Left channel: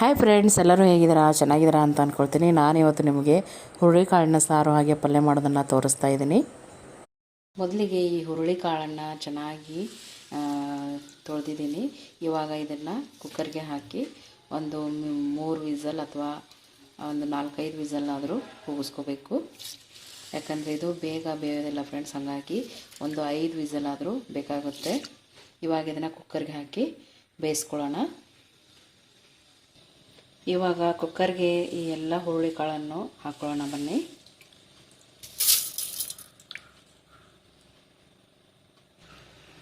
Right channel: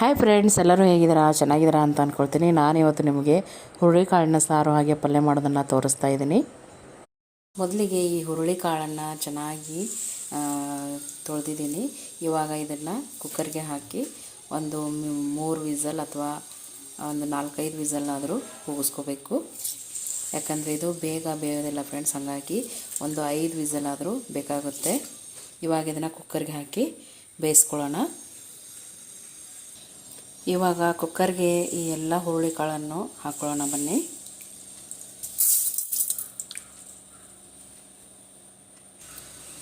Hi friends, ಎಲ್ಲರೂ ಹೇಗಿದ್ದೀರಾ? ಚೆನ್ನಾಗಿದ್ದೀರಾ ಅಂತ ಅಂದ್ಕೊಳ್ತೀನಿ. ನಾನಿವತ್ತು ನಿಮಗೆ ಹುರುಳಿಕಾಳನ್ನ ಸಾರು ಹಾಗೆ ಪಲ್ಯ ಮಾಡೋದನ್ನು ತೋರಿಸ್ತಾ ಇದ್ದೀನಿ. ಮೊದಲಿಗೆ ಈ ಹುರುಳಿಕಾಳನ್ನು ಚೆನ್ನಾಗಿ ತೊಳೆದಿದ್ದೀನಿ. ಇವಾಗ ಇದನ್ನು ಕುಕ್ಕರ್ಗೆ ಹಾಕಿ ಒಂದು 3 ವಿಸಲ್ ಅಥವಾ ಒಂದು 4-5 ವಿಸಲ್ ಆದರೂ ಕೂಗಿಸ್ಕೋಬೇಕು. ಯಾಕಂದರೆ ಇದು ಬೇಗ ಬೇಯೋದಿಲ್ಲ ಫ್ರೆಂಡ್ಸ್, ಹಾಗಾಗಿ ಒಂದು 5 ವಿಸಲ್ ಆದರೂ ಬೇಕಾಗುತ್ತೆ. ಇವಾಗ ಇದನ್ನು ಕುಕ್ಕರ್ಗೆ ಹಾಕಿ ಬೇಯಿಸ್ಕೊಳ್ಳೋಣ. ಇವಾಗ ಕುಕ್ಕರ್ಗೆ ಈ ಎಲ್ಲ ಹುರುಳಿಕಾಳನ್ನು ಹಾಕೊಳ್ಳೋಣ ಬನ್ನಿ.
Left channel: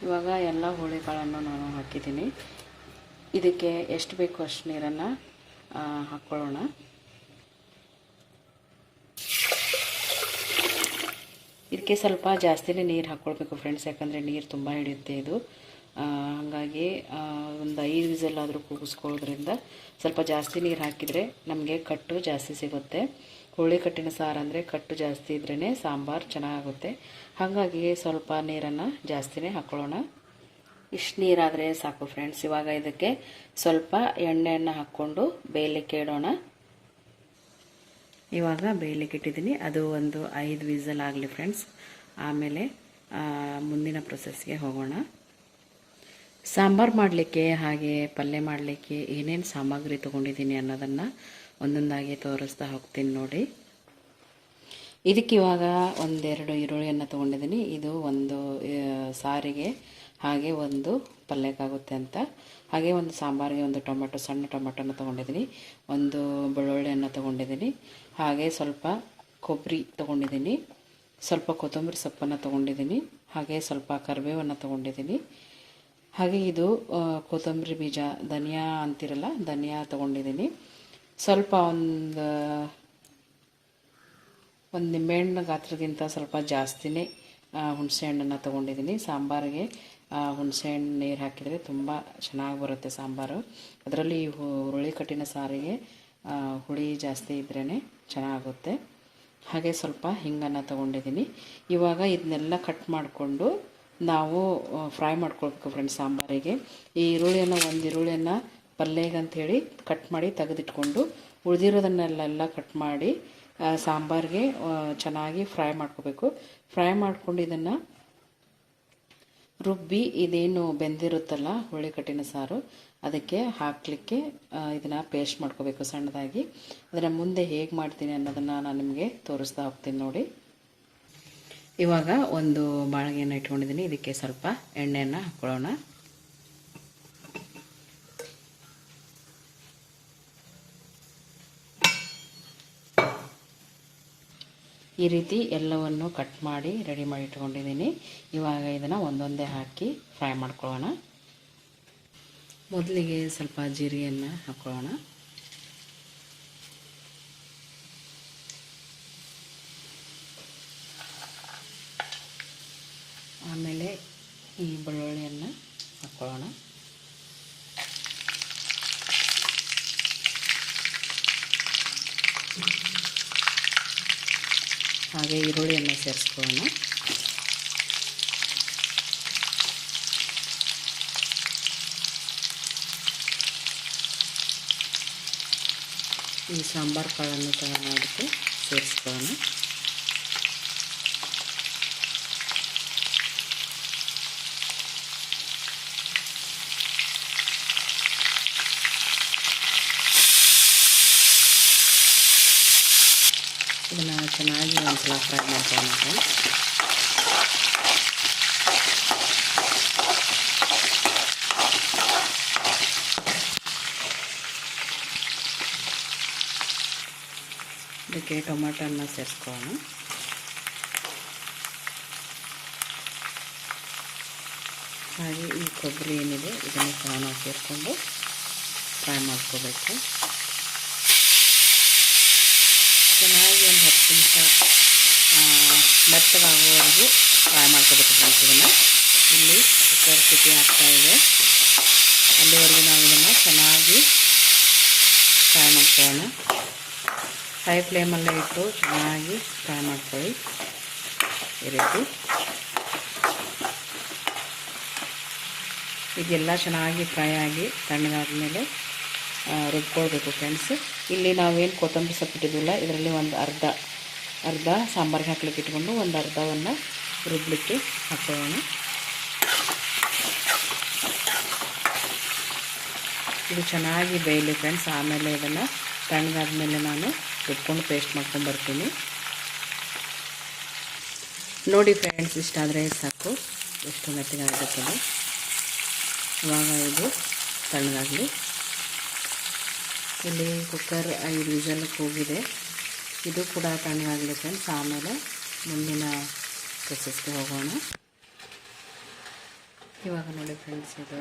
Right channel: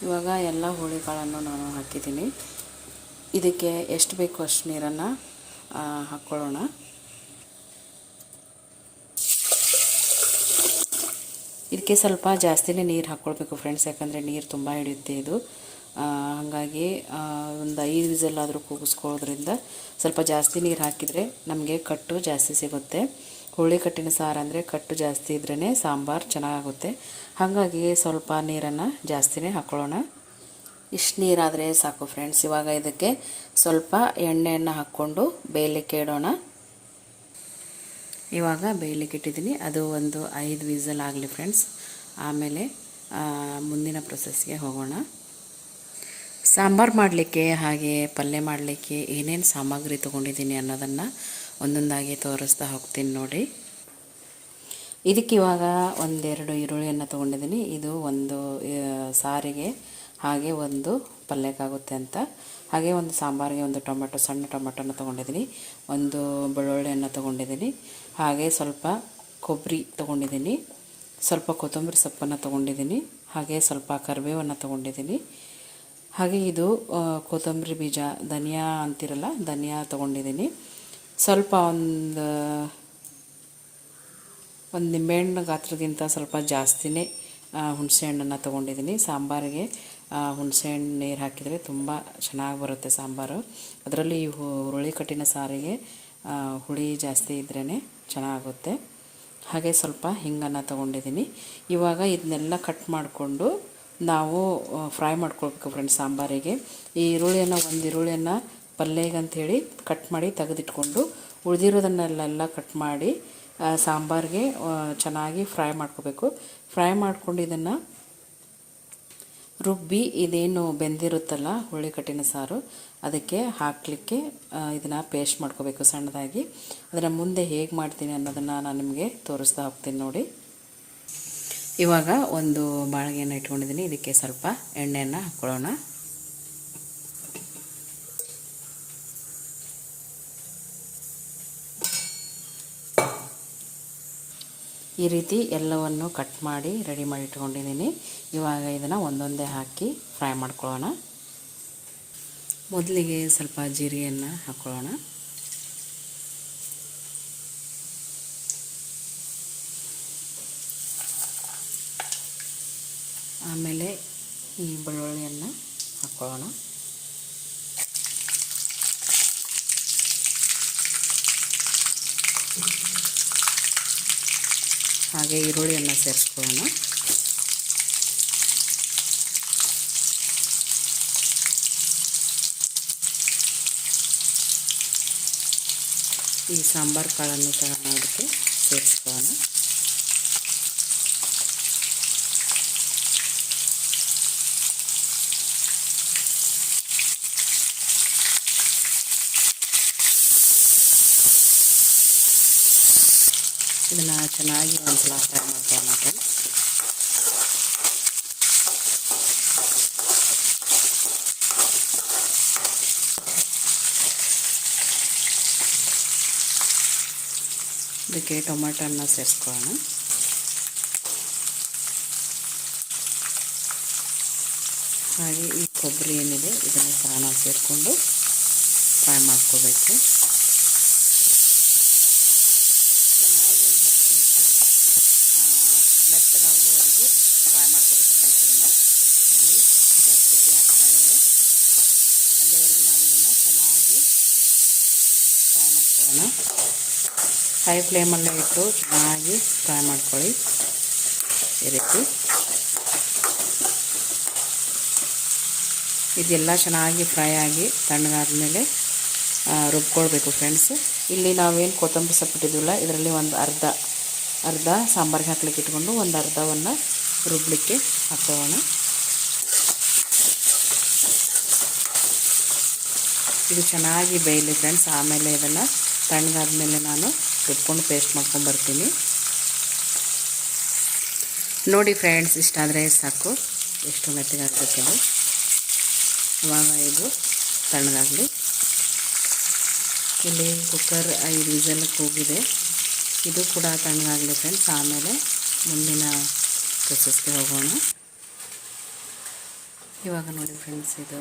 ಇವಾಗ ಎಲ್ಲ ಹುರುಳಿಕಾಳನ್ನು ನಾನು ಹಾಕಿದ್ದೀನಿ. ಇದಕ್ಕೆ ಎಷ್ಟು ಬೇಕು ಅಷ್ಟು ನೀರನ್ನು ಹಾಕ್ಕೊಳ್ಳೋಣ. ಇದಕ್ಕೆ ಸ್ವಲ್ಪ ಜಾಸ್ತಿನೇ ನೀರು ಹಾಕ್ಕೊಳ್ಬೇಕು ಫ್ರೆಂಡ್ಸ್, ಯಾಕಂದರೆ ನೀರು ತುಂಬ ಹಿಡಿಯುತ್ತೆ ಇದು. ಹಾಗಾಗಿ ಒಂದು 5 ವಿಸಲ್ ಆದರೂ ಕೂಗಿಸ್ಕೊಳ್ಳೋದ್ರಿಂದ ಸ್ವಲ್ಪ ಜಾಸ್ತಿ ನೀರು ಹಾಕಿದರೆ ನಮಗೆ ಕಟ್ಟು ಜಾಸ್ತಿ ಸಿಗುತ್ತೆ. ಹುರುಳಿ ಕಟ್ಟಿನ ಸಾರು ಅಂದರೆ ಕಟ್ಟು ಜಾಸ್ತಿ ಇದ್ರೇ ಸಾಂಬಾರು ಚೆನ್ನಾಗುತ್ತೆ. ಹಾಗಾಗಿ ಸ್ವಲ್ಪ ನೀರನ್ನು ಜಾಸ್ತಿನೇ ಹಾಕ್ಕೊಳ್ಳೋಣ. ಇಷ್ಟು ನೀರಾದರೆ ಸಾಕು ಫ್ರೆಂಡ್ಸ್. ಇವಾಗ ಇದಕ್ಕೆ ಸ್ವಲ್ಪ ಎಣ್ಣೆಯನ್ನು ಹಾಕ್ಕೊಂಡು ಬೇಯಲಿಕ್ಕೆ ಇಡೋಣ. ಇವಾಗ ಬೇಯಲಿಕ್ಕೆ ಇಟ್ಟಿದ್ದೀನಿ. ಅದು ಒಂದು 5 ವಿಸಲ್ ಆಗಲಿ ಫ್ರೆಂಡ್ಸ್. ಆಮೇಲೆ ಮುಂದಿನ ಪ್ರೊಸೆಸ್ಗೆ ಹೋಗೋಣ. ಸಾಂಬಾರು ಮಾಡಲಿಕ್ಕೆ ಹಾಗೆ ಪಲ್ಯ ಮಾಡಲಿಕ್ಕೆ ಏನೇನು ಸಾಮಗ್ರಿ ತೊಗೊಂಡಿದ್ದೀನಿ ಅನ್ನೋದನ್ನು ಒಂದೊಂದಾಗಿ ತೋರಿಸ್ತಾ ಹೋಗ್ತೀನಿ ನೋಡಿ. ಇದಕ್ಕೆ ಇವಾಗ 1-2 ಈರುಳ್ಳಿಯನ್ನು ತೊಗೊಂಡಿದ್ದೀನಿ. ಇದು ಒಂದು ಸಾರಿಗೆ ಹಾಗೆ ಒಂದು ಪಲ್ಯಕ್ಕಾಗುತ್ತೆ ಅಂತ. ಹಾಗೆ ಒಂದು ಸಾಂಬಾರಿಗೆ ಒಂದು ಟೊಮೆಟೊ, ಸಣ್ಣ ಟೊಮೆಟೊನ ತೊಗೊಂಡಿದ್ದೀನಿ. ಒಂದು ಬೆಳ್ಳುಳ್ಳಿಯನ್ನು ತೊಗೊಂಡಿದ್ದೀನಿ. ಹಾಗೆ ಸ್ವಲ್ಪ ಕೊಬ್ಬರಿ ತೊಗೊಂಡಿದ್ದೀನಿ. ಸ್ವಲ್ಪ ಕೊತ್ತಂಬರಿ ಸೊಪ್ಪನ್ನು ತೊಗೊಂಡಿದ್ದೀನಿ. ಹಾಗೆ ಸ್ವಲ್ಪ ಕರಿಬೇವನ್ನು ತೊಗೊಂಡಿದ್ದೀನಿ. ಹಾಗೆ ಇದು ಕೊತ್ತಂಬರಿ ಬೀಜ, ಧನಿಯಾ ಅಂತಿರಲ್ಲ, ಧನಿಯಾ ತೊಗೊಂಡಿದ್ದೀನಿ. ಸ್ವಲ್ಪ ಒಂದು ನಿಂಬೆಹಣ್ಣು ಗಾತ್ರಕ್ಕಿಂತ ಸ್ವಲ್ಪ ಜಾಸ್ತಿನೇ ಹುಣಸೆಹಣ್ಣನ್ನು ತೊಗೊಂಡಿದ್ದೀನಿ. ಸಾಂಬಾರಿಗೆ ಹುಣಸೆಹಣ್ಣು ನೀರು ಹಾಕಿದರೆ ತುಂಬ ಚೆನ್ನಾಗಿ ಬರುತ್ತೆ ಸಾಂಬಾರು. ಅದರಲ್ಲಿ ಈ ಹುರುಳಿ ಕಟ್ಟಿನ ಸಾರಿಗೆ ಹುಳಿ ಜಾಸ್ತಿ ಇದ್ರೇ ಚೆನ್ನಾಗುತ್ತೆ. ಹಾಗೆ ಸ್ವಲ್ಪ ಹಿಂಗನ್ನು ತೊಗೊಂಡಿದ್ದೀನಿ. ಇವಾಗ ಇದನ್ನೆಲ್ಲ ಕಟ್ ಮಾಡಿಕೊಂಡು ನಾವು ಫ್ರೈ ಮಾಡ್ಕೊಳ್ಬೇಕು ಫ್ರೆಂಡ್ಸ್ ಸಾಂಬಾರಿಗೆ. ಈ ಒಂದು ಈರುಳ್ಳಿಯನ್ನು ಪಲ್ಯಗೆ ಅಂಥೇಳಿ ಕಟ್ ಮಾಡಿ ತೆಗೆದಿಟ್ಕೊಂಡು ಉಳಿದಿರೋದನ್ನೆಲ್ಲ ಕಟ್ ಮಾಡಿ ಸಾಂಬಾರಿಗೆ ಚೆನ್ನಾಗಿ ಫ್ರೈ ಮಾಡ್ಕೋಬೇಕು. ಫ್ರೈ ಮಾಡ್ಕೊಂಡು ಇದನ್ನು ರುಬ್ಬಿ ಇದೇನು ಬೆಂದಿರುತ್ತಲ್ಲ ಹುರುಳಿ ಕಟ್ಟಿನ ಸಾರು, ಅದಕ್ಕೆ ಹಾಕಲಿಕ್ಕೆ ಇದನ್ನು ಪೇಸ್ಟ್ ಮಾಡ್ಕೋಬೇಕು ಸಣ್ಣದಾಗಿ. ಅದನ್ನು ಮುಂದೆ ಹೇಗೆ ಮಾಡ್ತೀನಿ ಅನ್ನೋದನ್ನು ನಾನು ನಿಮಗೆ ತೋರಿಸ್ತಾ ಹೋಗ್ತೀನಿ ನೋಡಿ. ಇವಾಗ ಒಂದು ಬಾಳಿಗೆಯನ್ನು ಇಟ್ಕೊಂಡಿದ್ದೀನಿ. ಇದಕ್ಕೆ ಸ್ವಲ್ಪ ಎಣ್ಣೆಯನ್ನು ಹಾಕ್ಕೊಳ್ಳೋಣ. ಈ ರೀತಿ ಎಲ್ಲವನ್ನು ಕಟ್ ಮಾಡಿ ರೆಡಿ ಮಾಡಿ ಇಟ್ಕೊಂಡಿದ್ದೀನಿ. ಇವಾಗ ಇದನ್ನು ಒಂದೊಂದೇ ಹಾಕಿ ಫ್ರೈ ಮಾಡ್ಕೊಳ್ಳೋಣ. ಮೊದಲಿಗೆ ಸ್ವಲ್ಪ ಜೀರಿಗೆಯನ್ನು ಹಾಕ್ಕೊಳ್ಳೋಣ. ಆಮೇಲೆ ಈ ಬೆಳ್ಳುಳ್ಳಿಯನ್ನು ಹಾಕ್ಕೊಳ್ಳೋಣ. ಹಾಗೆ ಈರುಳ್ಳಿಯನ್ನು ಸೇರಿಸ್ಕೊಳ್ಳೋಣ. ಈ ಸಾಂಬಾರು ಕಾಳನ್ನು ತಗೊಂಡೋದಕ್ಕೆ ಸೇರಿಸ್ಕೊಳ್ಳೋಣ. ಇದನ್ನು ಚೆನ್ನಾಗಿ ಒಂದ್ಸಲ ಫ್ರೈ ಮಾಡ್ಕೊಳ್ಳೋಣ. ಇದಕ್ಕೆ ಟೊಮೆಟೊನ ಸೇರಿಸ್ಕೊಳ್ಳೋಣ. ಹಾಗೆ ಈ ಕೊಬ್ಬರಿ ಏನಿದೆ ಇದನ್ನು ಸಹ ನಾವು ಸೇರಿಕೊಂಡು ಫ್ರೈ ಮಾಡ್ಕೋಬೇಕು. ಚೆನ್ನಾಗಿ ಒಂದು 10 ನಿಮಿಷ ಮೆತ್ತಗಾಗುವವರೆಗೂ ಫ್ರೈ ಮಾಡ್ಕೋಬೇಕು ಫ್ರೆಂಡ್ಸ್. ಇದನ್ನು ಇಲ್ಲಿ ಕುಕ್ಕರ್ ಸಿಟಿ ಆಗ್ತಾಯಿದೆ, ಅಲ್ಲಿವರೆಗೂ ನಾವು ಇದನ್ನು ಚೆನ್ನಾಗಿ ಫ್ರೈ ಮಾಡ್ಕೊಳ್ಳೋಣ. ಹೈ ಫ್ಲೇಮಲ್ಲೇ ಇಟ್ಟು ಚೆನ್ನಾಗಿ ಫ್ರೈ ಮಾಡ್ಕೊಳ್ಳಿ ಈ ರೀತಿ. ಇದೆಲ್ಲ ಚೆನ್ನಾಗಿ ಫ್ರೈ ಆಗಿ ತಣ್ಣಗಾದ ಮೇಲೆ ರುಬ್ಕೊಳ್ಬೇಕು ಫ್ರೆಂಡ್ಸ್. ಇಲ್ಲಿ ನಾವೇನು ಕೊತ್ತಂಬರಿ ಸೊಪ್ಪು ಇಟ್ಟಿದ್ವಲ್ಲ ಇದರಲ್ಲಿ ಒಂದು ಅರ್ಧ ಸಾಂಬಾರಿಗೆ ಹಾಕ್ಲಿಕ್ಕೆ ಇಟ್ಕೊಂಡು ಒಂದು ಅರ್ಧವನ್ನು ರುಬ್ಲಿಕ್ಕೆ ಹಾಕ್ಕೊಳ್ಳೋಣ. ಇದು ಚೆನ್ನಾಗಿ ಬೇಯಲಿ ಫ್ರೆಂಡ್ಸ್. ಆಮೇಲೆ ಇದನ್ನು ತಣ್ಣಗಾದ್ಮೇಲೆ ನಾನು ರುಬ್ಕೊಂಡು ಪೇಸ್ಟ್ ಮಾಡ್ಕೊಂಡು ಬರ್ತೀನಿ. ನೋಡಿ ಫ್ರೆಂಡ್ಸ್, ಇಷ್ಟಾದರೆ ಸಾಕು. ಎಷ್ಟು ಮೆತ್ತಗಾಗಬೇಕದು. ಇವಾಗ ಇದು ತಣ್ಣಗಾಗಲಿ. ಇಲ್ಲಿ ಕುಕ್ಕರ್ 5 ವಿಸಲ್ ಕೂಗಿದೆ. ಇದು ಕೂಡ ತಣ್ಣಗಾಗಲಿ ಫ್ರೆಂಡ್ಸ್. ಆಮೇಲೆ ಮುಂದಿನ ಪ್ರೊಸೆಸ್ಗೆ ಹೋಗೋಣ. ಇವಾಗ ನೋಡಿ ಫ್ರೆಂಡ್ಸ್, ಇದು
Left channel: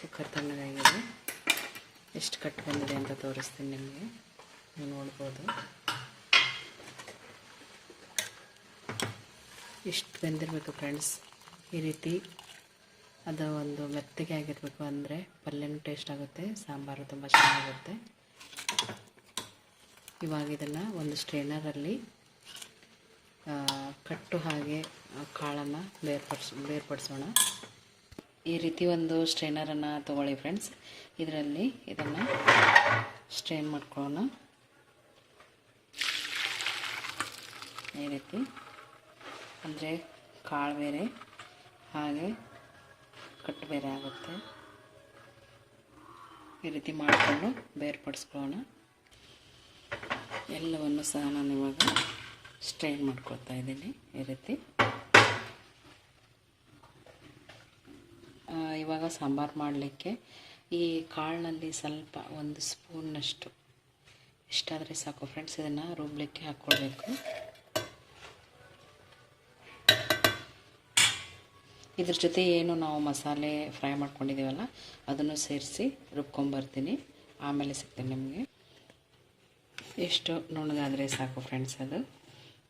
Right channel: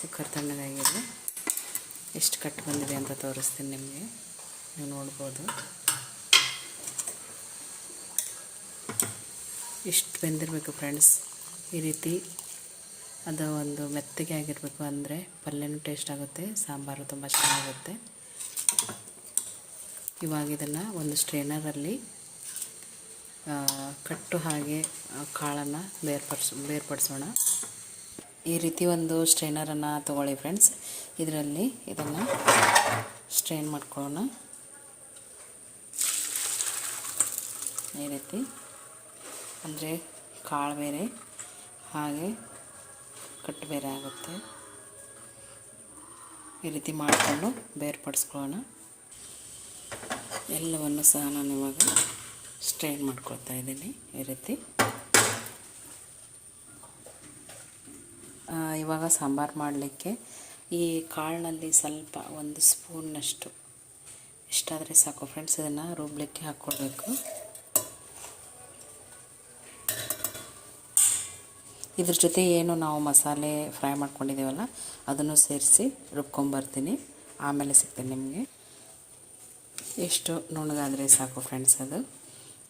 ಕುಕ್ಕರ್ ತಣ್ಣಗಾಗಿದೆ. ಎಷ್ಟು ಕಟ್ಟು ಬಂದಿದೆ ಅಂತ ತೋರಿಸ್ತೀನಿ ನಿಮಗೆ. ನೀವು ನೋಡ್ಬೋದು ಇಷ್ಟು ಬೆಂದಿರಬೇಕು ಫ್ರೆಂಡ್ಸ್. ಈ ರೀತಿ ಅದು ಒಂದು ಮೆತ್ತಗೆ ಆಗಿರಬೇಕು, ಅಂದರೆ ಪಲ್ಯನೂ ಟೇಸ್ಟ್ ಆಗುತ್ತೆ, ಸಾಂಬಾರು ತುಂಬ ಚೆನ್ನಾಗುತ್ತೆ. ಇವಾಗ ಇದನ್ನು ಒಂದು ಸ್ಟ್ರೈನರಲ್ಲಿ ಕಟ್ಟು ಹಾಗೆ ಕಾಳನ್ನು ಬೇರ್ಪಡಿಸೋಣ. ಈ ರೀತಿ ಒಂದು ಸ್ಟ್ರೈನರನ್ನು ತೊಗೊಳ್ಳಿ ಫ್ರೆಂಡ್ಸ್. ಇದರಲ್ಲಿ ಇದನ್ನು ಸ್ಟ್ರೈನ್ ಮಾಡ್ಕೊಳ್ಳೋಣ. ಈ ರೀತಿ ಅಂದರೆ ಕಾಳು ಬೇರೆ ಹಾಗೆ ಕಟ್ಟು ಬೇರೆ ಆಗುತ್ತೆ. ಈ ರೀತಿ ಮಾಡಿಕೊಂಡು ಬೇರ್ಪಡಿಸ್ಕೊಳ್ಳೋಣ. ಎಲ್ಲವನ್ನು ಸಹ ನಾನು ಇವಾಗ ಸ್ಟ್ರೈನ್ ಮಾಡ್ಕೊಳ್ತಾ ಇದ್ದೀನಿ. ಈ ರೀತಿ ಇವಾಗ ಸಾಂಬಾರು ಮಾಡಲಿಕ್ಕೆ ಈ ಕಾಳಿನಲ್ಲಿ ಸ್ವಲ್ಪ 1 ಸ್ಪೂನ್ನಷ್ಟು ಇಷ್ಟಾದರೆ ಸಾಕು ಫ್ರೆಂಡ್ಸ್. ಇದನ್ನು ರುಬ್ಲಿಕ್ಕೆ ಹಾಕ್ಕೊಳ್ಬೇಕು. ಇದ್ರ ಜೊತೆ ಏನು ನಾವು ಮಸಾಲೆ ಫ್ರೈ ಮಾಡ್ಕೊಂಡಿದ್ದೀವಲ್ಲ ಅದನ್ನು ಸೇರಿಸಿ ರುಬ್ಕೊಂಬರ್ತೀನಿ. ಆಮೇಲೆ ಸಿಗ್ತೀನಿ ನಿಮಗೆ. ಎಷ್ಟು ನುಣ್ಣಗಾದರೆ ಸಾಕು ಫ್ರೆಂಡ್ಸ್ ಅದು.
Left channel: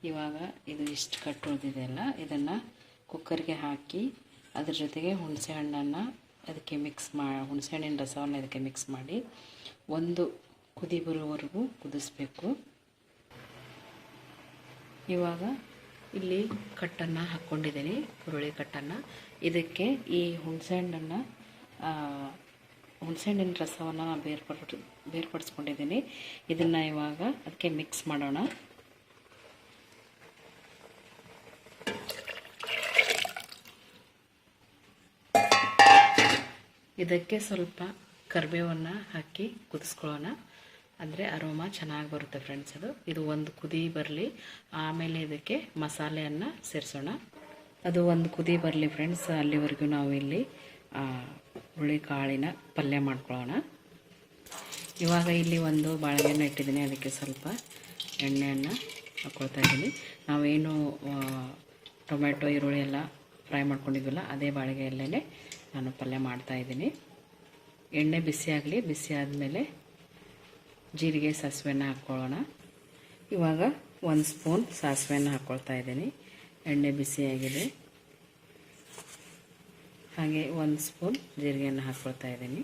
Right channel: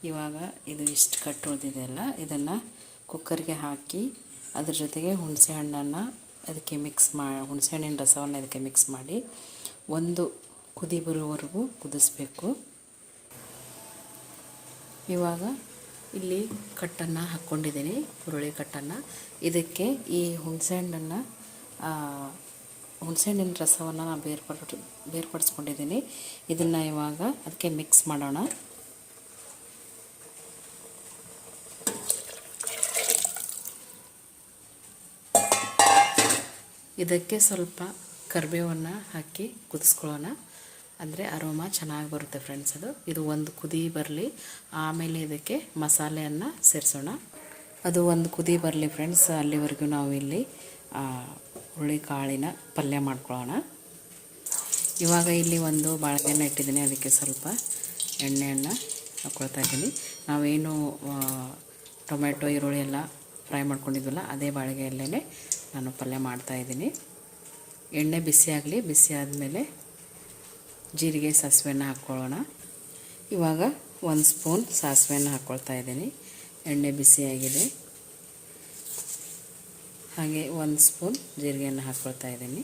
ಇವಾಗ ಇದು ಇಷ್ಟು ಕಟ್ಟು ಉಳಿದಿದೆಯಲ್ಲ, ಇದನ್ನು ಕುಕ್ಕರ್ಗೆ ಹಾಕಿ ಅದ್ರ ಜೊತೆಗೆ ಹುಣಸೆ ಹಣ್ಣನ್ನು ಅದಕ್ಕೆ ಹುಣಸೆ ಹಣ್ಣಿನ ರಸವನ್ನು ಅದಕ್ಕೆ ಮಿಕ್ಸ್ ಮಾಡಿ ಒಂದು ಕುದಿ ಬರುವವರೆಗೂ ಕುದಿಸ್ಬೇಕು. ಇವಾಗ ಇಲ್ಲಿ ಕಟ್ಟನ್ನು ಹಾಕ್ಕೊಂಡಿದ್ದೀನಿ, ಹುರುಳಿ ಕಟ್ಟನ್ನು. ಇದಕ್ಕೆ ಈ ಹುಣಸೆ ಹಣ್ಣಿನ ರಸವನ್ನು ನಾನು ಬೇರ್ಪಡಿಸ್ಕೊಂಡಿದ್ದೀನಿ. ಇದನ್ನು ಇವಾಗ ಅದಕ್ಕೆ ಮಿಕ್ಸ್ ಮಾಡೋಣ. ಇದಕ್ಕೆ ಸ್ವಲ್ಪ ಕರಿಬೇವನ್ನು ಹಾಕಿ ಕುದಿಸ್ಕೊಳ್ಳೋಣ. ಅಂದರೆ ಅರೋಮಾ ಚೆನ್ನಾಗಿ ಬರುತ್ತೆ ಫ್ರೆಂಡ್ಸ್. ಇದು ಒಂದು ಕುದಿ ಬರಲಿ, ಆಮೇಲೆ ಇದಕ್ಕೆ ಮಸಾಲೆಯನ್ನು ಸೇರಿಸೋಣ. ಅದು ಒಂದು ಕುದಿ ಬರಲಿ ಫ್ರೆಂಡ್ಸ್. ಅಲ್ಲಿವರೆಗೂ ನಾವು ಇಲ್ಲಿ ಹುರುಳಿ ಕಾಳಿನ ಪಲ್ಯ ಮಾಡ್ಕೊಳ್ಳೋಣ. ಇವಾಗ ಇಲ್ಲಿ ಒಂದು ಬಾಳೆಹಣ್ಣು ಇಟ್ಟಿದ್ದೀನಿ, ಅದಕ್ಕೆ ಸ್ವಲ್ಪ ಎಣ್ಣೆಯನ್ನು ಹಾಕ್ಕೊಳ್ತಾ ಇದ್ದೀನಿ. ನಾವೇನು ಟೊಮೆಟೊ ಈರುಳ್ಳಿ ಎಲ್ಲ ಫ್ರೈ ಮಾಡ್ಕೊಂಡಿದ್ವಲ್ಲ ಅದೇ ಬಾಳೆಗೆಯಲ್ಲೇ ನಾನು ಪಲ್ಯ ಮಾಡ್ತಾಯಿದ್ದೀನಿ. ಎಣ್ಣೆ ಬಿಸಿ ಆಗಲಿ. ಬಿಸಿ ಆದಮೇಲೆ ಜೀರಿಗೆ ಸಾಸಿವೆಯನ್ನು ಹಾಕ್ಕೊಳ್ಳೋಣ. ಇವಾಗ 1 ಸ್ಪೂನ್ ಸಾಸಿವೆಯನ್ನು ಹಾಕ್ಕೊಳ್ತಾ ಇದ್ದೀನಿ. ಎಣ್ಣೆ ಬಿಸಿಯಾಗಿದೆ. ಹಾಗೆ 1 ಸ್ಪೂನ್ ಜೀರಿಗೆಯನ್ನು ಹಾಕ್ಕೊಳ್ತಾ ಇದ್ದೀನಿ.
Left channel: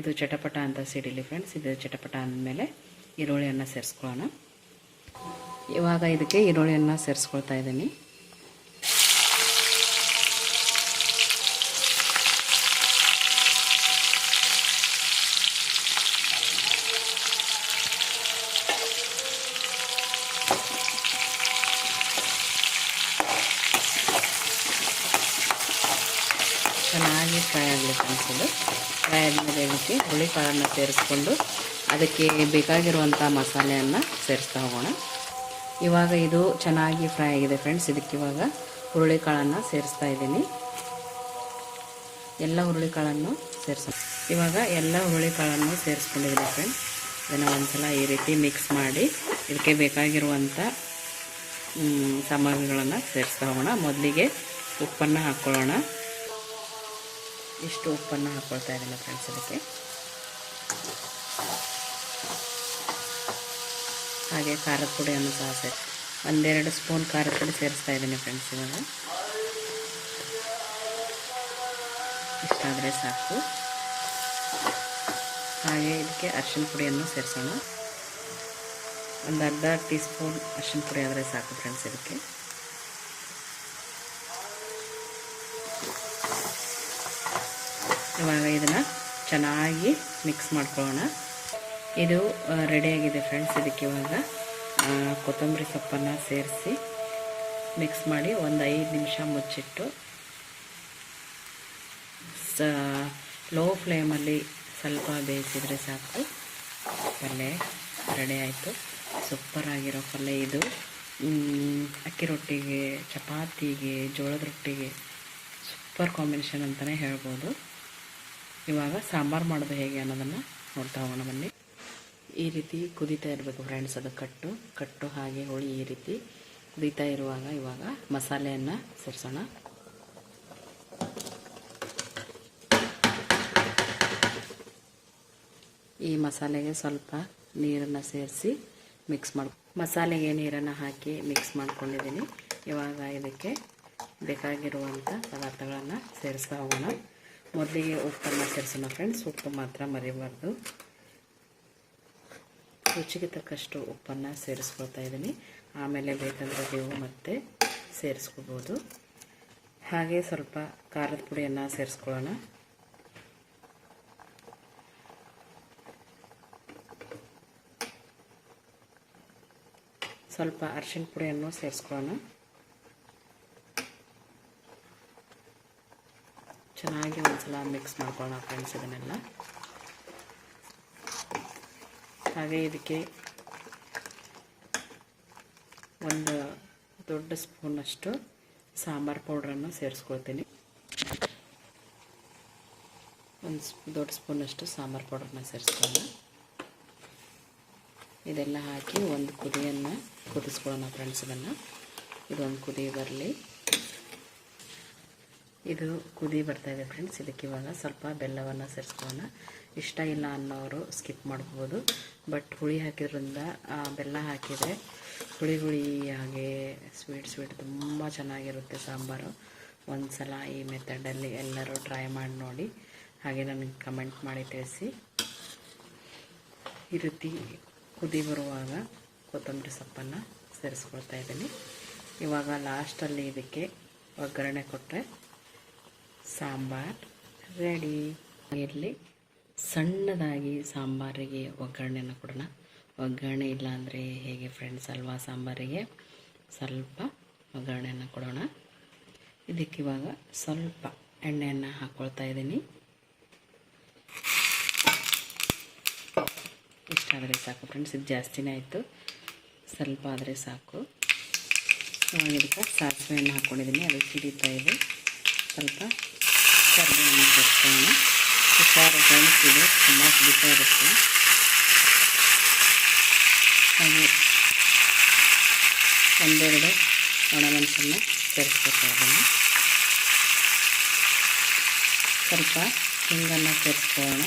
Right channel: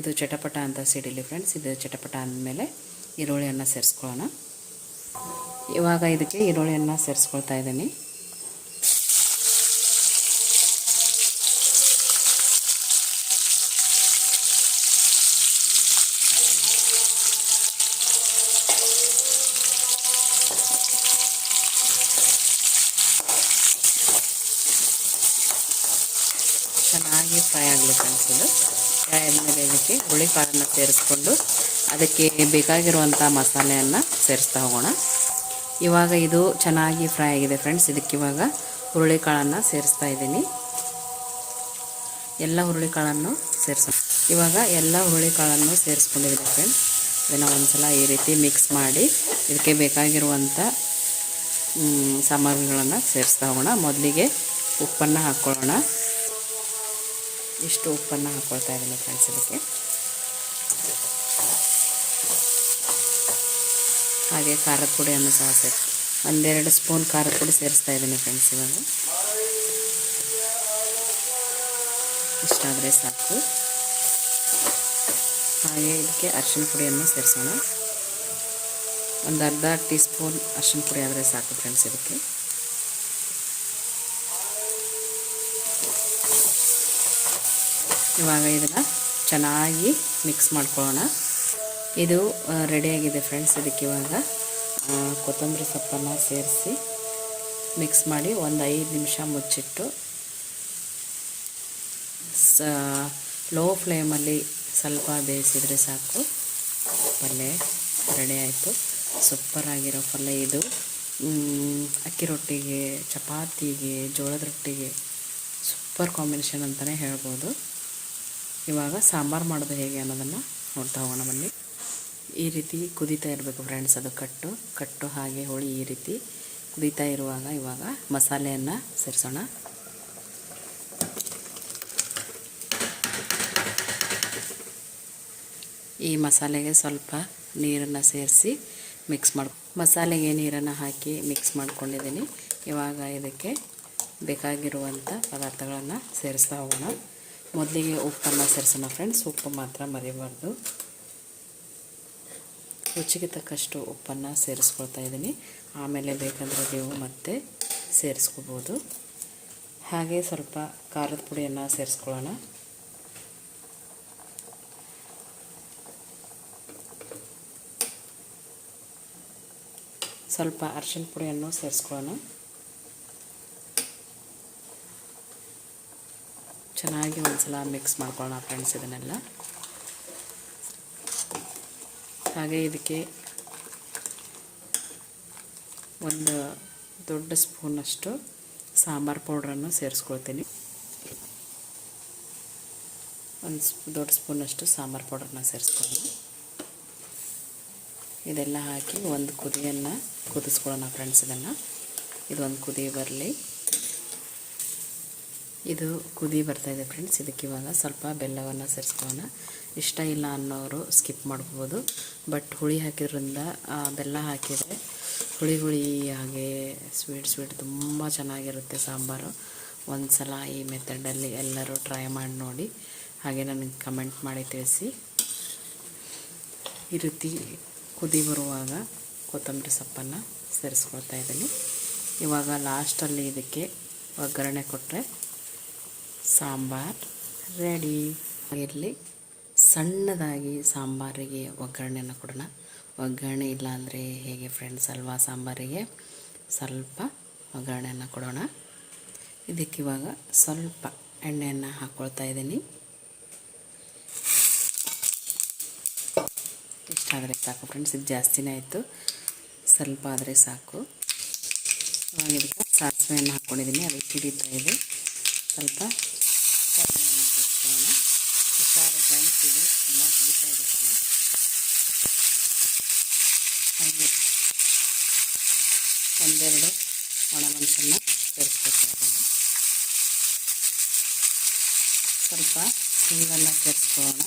ಇದು ಚಟಪಟ ಅಂತ ಸಿಡಿಲಿ ಫ್ರೆಂಡ್ಸ್. ಇದು ಚಟಪಟ ಅಂದಮೇಲೆ ಈರುಳ್ಳಿಯನ್ನು ಸೇರಿಸ್ಕೊಳ್ಳೋಣ. ಇವಾಗ ಇದಕ್ಕೆ ಈರುಳ್ಳಿಯನ್ನು ಸೇರಿಸ್ಕೊಳ್ತಾ ಇದ್ದೀನಿ. ಚೆನ್ನಾಗಿ ಫ್ರೈ ಆಗಲಿ ಫ್ರೆಂಡ್ಸ್. ಇದು ಫ್ರೈ ಆದಮೇಲೆ ಇದಕ್ಕೆ ಹುರುಳಿ ಕಾಳನ್ನು ಸೇರಿಸ್ಕೊಂಡು ಅದಕ್ಕೆ ಬೇಕಾಗಿರುವಂಥ ಮಸಾಲೆಯನ್ನು ಸೇರಿಸ್ತಾ ಹೋಗೋಣ. ಇವಾಗ ಇದು ಚೆನ್ನಾಗಿ ಫ್ರೈ ಆಗಿದೆ ಫ್ರೆಂಡ್ಸ್. ಇದಕ್ಕೆ ಇವಾಗ ಹುರುಳಿ ಕಾಳನ್ನು ಸೇರಿಸ್ತಾ ಇದ್ದೀನಿ. ಎಲ್ಲ ಹುರುಳಿ ಕಾಳನ್ನು ಸೇರಿಸೋಣ. ಇವಾಗ ಎಲ್ಲ ಹುರುಳಿ ಕಾಳನ್ನು ಸೇರಿಸ್ಕೊಂಡಿದ್ದೀನಿ ಫ್ರೆಂಡ್ಸ್. ಇದನ್ನು ಒಂದ್ಸಲ ಈ ರೀತಿ ಮಿಕ್ಸ್ ಮಾಡಿ ಇದಕ್ಕೆ ಬೇಕಾಗಿರುವಂಥ ಸಾಮಗ್ರಿಗಳನ್ನು ಸೇರಿಸ್ತಾ ಹೋಗೋಣ. ಮೊದಲಿಗೆ ಉಪ್ಪನ್ನು ಹಾಕ್ಕೊಳ್ಳೋಣ. ಇಷ್ಟು ಉಪ್ಪನ್ನು ಹಾಕ್ಕೊಳ್ತಾ ಇದ್ದೀನಿ ಫ್ರೆಂಡ್ಸ್. ಇದಕ್ಕೆ ಹಾಗೆ ಖಾರದ ಪುಡಿಯನ್ನು ಸಹ ಒಂದೆರಡು ಸ್ಪೂನ್ ಖಾರದ ಪುಡಿ ಸೇರಿಸ್ತಾ ಇದ್ದೀನಿ ಫ್ರೆಂಡ್ಸ್. ಇವಾಗ ಇಷ್ಟಾದರೆ ಸಾಕು. ಹಾಗೆ ಇದಕ್ಕೆ ಅರಿಶಿನ ಪುಡಿಯನ್ನು ಸೇರಿಸೋಣ. ಒಂದು ಅರ್ಧ ಟೀ ಸ್ಪೂನ್ ಅರಿಶಿನ ಪುಡಿ ಆದರೆ ಸಾಕು ಫ್ರೆಂಡ್ಸ್. ಇದಕ್ಕೆ ಇವಾಗ ಇದನ್ನು ಚೆನ್ನಾಗಿ ಮಿಕ್ಸ್ ಮಾಡ್ಕೊಳ್ಳೋಣ. ಇದು ರೆಡಿಯಾಗಿದೆ ಫ್ರೆಂಡ್ಸ್. ಇದಕ್ಕೆ ಇವಾಗ ಕೊತ್ತಂಬರಿ ಸೊಪ್ಪನ್ನು ಸೇರಿಸಿ ಮಿಕ್ಸ್ ಮಾಡಿ ಒಂದು 5 ನಿಮಿಷ ಮುಚ್ಚಿಟ್ಟು ಲೋ ಫ್ಲೇಮಲ್ಲಿ ಸ್ವಲ್ಪ ಬೇಯಿಸಿದರೆ ಸಾಕು. ಪಲ್ಯ ರೆಡಿ ಆಯಿತು. ಸೂಪರಾಗಿರೋ ಪಲ್ಯ ಇದು. ಅಕ್ಕಿ ರೊಟ್ಟಿಗೆ, ಚಪಾತಿಗೆ, ಜೋಳದ ರೊಟ್ಟಿಗೆ ಸೂಪರ್ ಕಾಂಬಿನೇಷನ್ ಅಂತಲೇ ಹೇಳ್ಬೋದು. ಇವಾಗ ಸಾಂಬಾರು ಮಾಡೋದು ಹೇಗೆ ಅನ್ನೋದನ್ನು ನೋಡ್ತಾ ಹೋಗೋಣ ಬನ್ನಿ. ಈ ರೀತಿ ಕುದೀತಾ ಇರಬೇಕು ಫ್ರೆಂಡ್ಸ್. ಅದು ಕಟ್ಟು ಹಾಗೆ ಹೋಳಿ ಈ ರೀತಿ ಕುದೀತಾ ಇರುವಾಗ ಇವಾಗ ಮಸಾಲೆಯನ್ನು ಸೇರಿಸೋಣ. ಈ ಮಸಾಲೆಗೆ ಸ್ವಲ್ಪ ನೀರನ್ನು ಸೇರಿಸಿ ಮಿಕ್ಸ್ ಮಸಾಲೆಗೆ ನೀರನ್ನು ಹಾಕಿ ಮಿಕ್ಸ್ ಮಾಡ್ಕೊಂಡಿದ್ದೀನಿ. ಇವಾಗ ಇದಕ್ಕೆ ಬೇಕಾಗಿರುವಂಥ ಪದಾರ್ಥಗಳನ್ನು ಸೇರಿಸ್ತಾ ಹೋಗೋಣ. ಮೊದಲಿಗೆ ಉಪ್ಪನ್ನು ಸೇರಿಸೋಣ ಫ್ರೆಂಡ್ಸ್. ಉಪ್ಪು ಮಾತ್ರ ಮರಿಬಾರ್ದು. ರುಚಿಗೆ ತಕ್ಕಷ್ಟು ಉಪ್ಪನ್ನು ಸೇರಿಸ್ಕೊಳ್ತಾ ಇದ್ದೀನಿ. ಆಮೇಲೆ ಬೇಕಂದರೆ ನೀವು ಮತ್ತೆ ಸೇರಿಸ್ಕೋಬೋದು. ಹಾಗೆ ಸ್ವಲ್ಪ ಖಾರದ ಪುಡಿಯನ್ನು ಸೇರಿಸ್ಕೊಳ್ಳೋಣ. ಸ್ವಲ್ಪ ಅರಿಶಿನ ಪುಡಿಯನ್ನು ಸೇರಿಸ್ಕೊಳ್ಳೋಣ. ಚೆನ್ನಾಗಿ ಒಂದ್ಸಲ ಮಿಕ್ಸ್ ಮಾಡ್ಕೊಳ್ಳೋಣ ಫ್ರೆಂಡ್ಸ್ ಇದನ್ನೆಲ್ಲ. ಹಾಗೆ ಇದಕ್ಕೆ ಒಂದು ದೊಡ್ಡ ಸ್ಪೂನಷ್ಟು ಸಾಂಬಾರು ಪೌಡ್ರನ್ನು ಸೇರಿಸ್ಕೊಳ್ತೀನಿ. ಒಂದು ದೊಡ್ಡ ಸ್ಪೂನಷ್ಟು ಸಾಂಬಾರು ಪೌಡ್ರನ್ನ ಸೇರಿಸ್ಕೊಳ್ಳೋಣ. ಇದೆಲ್ಲ ಹಾಕಿ ಒಂದು ಕುದಿಯನ್ನು ಕುದಿಸ್ಕೊಳ್ಳೋಣ ಫ್ರೆಂಡ್ಸ್. ಇದೊಂದು ಕುದಿ ಬರಲಿ. ಇದು ಕುದಿ ಬರ್ತಾಯಿದೆ ಫ್ರೆಂಡ್ಸ್. ಇದಕ್ಕೆ ಇವಾಗ ಸ್ವಲ್ಪ ಬೆಲ್ಲವನ್ನು ಸೇರಿಸ್ಕೊಳ್ಳೋಣ. ಇಷ್ಟ ಇಲ್ಲ ಅನ್ನೋರು ಸ್ಕಿಪ್ ಮಾಡ್ಬೋದು. ಬಟ್ ಹುಳಿ ಹಾಕಿದ್ರಿಂದ ಬೆಲ್ಲ ಹಾಕಿದರೆ ಹುಳಿ ಹಾಗೆ ಸ್ವೀಟ್ ತುಂಬ ಚೆನ್ನಾಗಿರುತ್ತೆ ಸಾಂಬಾರು. ಒಂದು ಸಲ ಈ ಮೆಥಡಲ್ಲಿ ಎಲ್ಲರೂ ಟ್ರೈ ಮಾಡಿ ನೋಡಿ. ಹಾಗೆ ನನಗೆ ಕಮೆಂಟ್ ಮಾಡಿ ತಿಳಿಸಿ. ಈ ರೀತಿ ಕುದಿ ಬರುವಾಗ ಕೊತ್ತಂಬರಿ ಸೊಪ್ಪನ್ನು ಸೇರಿಸ್ಕೊಳ್ತಾ ಇದ್ದೀನಿ. ಇವಾಗ ಲಾಸ್ಟಲ್ಲಿ ಇದಕ್ಕೆ ಒಗ್ಗರಣೆ ಕೊಟ್ಟರೆ ಸಾಂಬಾರು ರೆಡಿ. ಇಲ್ಲಿ ಸಣ್ಣದಾಗಿ ಸಾಂಬಾರಿಗೆ ಒಗ್ಗರಣೆಯನ್ನು ಕೊಡೋಣ. ಒಗ್ಗರಣೆ ಇಲ್ಲ ಅಂದರೆ ಹೇಗೆ ಫ್ರೆಂಡ್ಸ್ ಅಲ್ವಾ. ಸಾಂಬಾರಿಗೆ ಸ್ವಲ್ಪ ಒಗ್ಗರಣೆಯನ್ನು ಕೊಡೋಣ. ಇದಕ್ಕಿವಾಗ ಸ್ವಲ್ಪ ಎಣ್ಣೆಯನ್ನು ಹಾಕ್ಕೊಳ್ತಾ ಇದ್ದೀನಿ. ಇಷ್ಟಾದರೆ ಸಾಕು ಫ್ರೆಂಡ್ಸ್. ಇದು ಜಾಸ್ತಿನೇ ಆಯಿತು, ಸ್ವಲ್ಪ ಆದರೆ ಸಾಕು. ಇವಾಗ ಇದಕ್ಕೆ ಸಾಸಿವೆಯನ್ನು ಹಾಕ್ಕೊಂಡಿದ್ದೀನಿ. ಅದು ಸಿಡಿತಾ ಇದೆ. ಸ್ವಲ್ಪ ಕರಿಬೇವನ್ನು ಸೇರಿಸ್ಕೊಳ್ಳೋಣ. ಹುಷಾರು ಫ್ರೆಂಡ್ಸ್, ಇದು ತುಂಬ ಸಿಡಿತಾ ಇರುತ್ತೆ. ಹಾಗೆ ಒಂದೆರಡು ಒಣಮೆಣಸನ್ನು ಸೇರಿಸ್ಕೊಳ್ತಾ ಇದ್ದೀನಿ. ಸ್ವಲ್ಪ ಹಿಂಗನ್ನು ಸೇರಿಸ್ಕೊಳ್ಳೋಣ.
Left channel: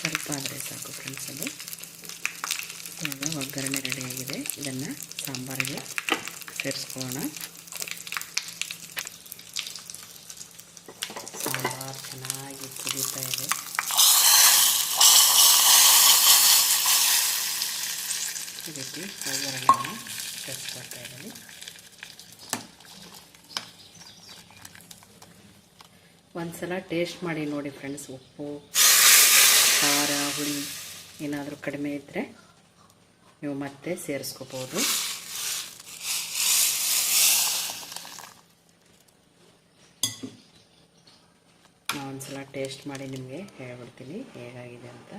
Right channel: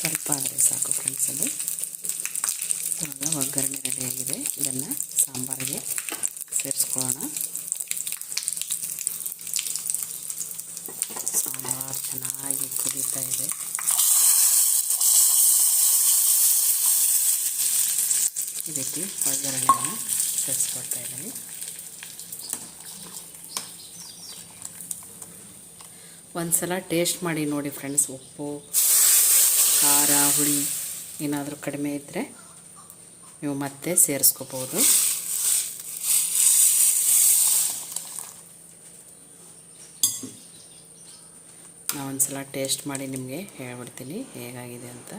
ಸ್ವಲ್ಪ ಆದರೆ ಸಾಕು ಫ್ರೆಂಡ್ಸ್. ಅದು ಇವಾಗ ಒಗ್ಗರಣೆ ರೆಡಿಯಾಗಿದೆ. ಇದನ್ನು ಸಾಂಬಾರಿಗೆ ಸೇರಿಸ್ಕೊಳ್ಳೋಣ. ಸಾಂಬಾರು ಚೆನ್ನಾಗಿ ಕುದೀತಾ ಇದೆ. ಇದಕ್ಕೆ ಒಗ್ಗರಣೆಯನ್ನು ಸೇರಿಸ್ಕೊಳ್ತಾ ಇದ್ದೀನಿ. ಒಂದು ಸಲ ಟೇಸ್ಟ್ ಮಾಡಿ ನೋಡಿ ಫ್ರೆಂಡ್ಸ್. ಉಪ್ಪು, ಖಾರ, ಹುಳಿ ಏನಾದರೂ ಕಡಿಮೆ ಇದ್ದರೆ ನೀವು ಮತ್ತೆ ಸೇರಿಸ್ಕೋಬೋದು. ನಾನು ಒಂದು ಸಲ ಟೇಸ್ಟ್ ಮಾಡಿ ನಿಮಗೆ ಹೇಳ್ಬಿಡ್ತೀನಿ ಹೇಗಾಗಿದೆ ಅಂತ.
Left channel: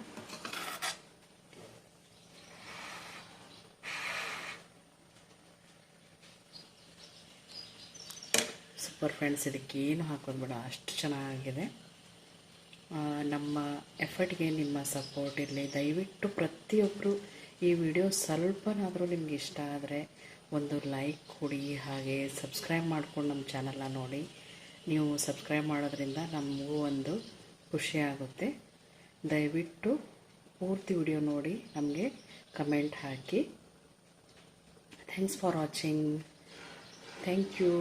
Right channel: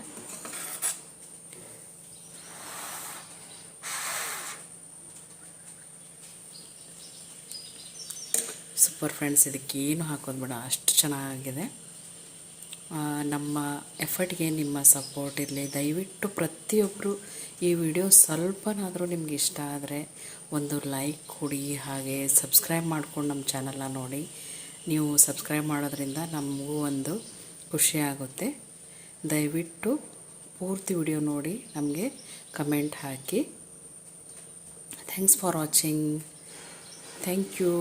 Super friends. ಇದಕ್ಕೆ ಏನು ಹಾಕೋದು ಬೇಡ, ಅಷ್ಟು ಚೆನ್ನಾಗಿದೆ. ನಮ್ಮ ಎಫರ್ಟ್ಗೆ ನಿಮ್ಮ ಸಪೋರ್ಟ್ ಇರಲಿ. ದಯವಿಟ್ಟು ಪ್ರತಿಯೊಬ್ಬರು ಈ ವಿಡಿಯೋ ಸ್ವಲ್ಪನಾದರೂ ನಿಮ್ಗೆ ಇಷ್ಟ ಆದರೆ ಒಂದು ಲೈಕ್ ಕೊಡಿ. ಹಾಗೆ ಸಬ್ಸ್ಕ್ರೈಬ್ ಮಾಡ್ಕೊಂಡು ನಮ್ಮ ಚಾನಲ್ನ ನೋಡಿ. ನೀವು ಸಬ್ಸ್ಕ್ರೈಬ್ ಮಾಡೋದ್ರಿಂದ ನಮಗೂ ಒಂದು ಖುಷಿ ಆಗುತ್ತೆ. ದಯವಿಟ್ಟು ಪೂರ್ತಿ ವಿಡಿಯೋ ನೋಡಿ ನಮಗೆ ಕಮೆಂಟ್ ಹಾಕಿ. Thanks for watching. Thank you.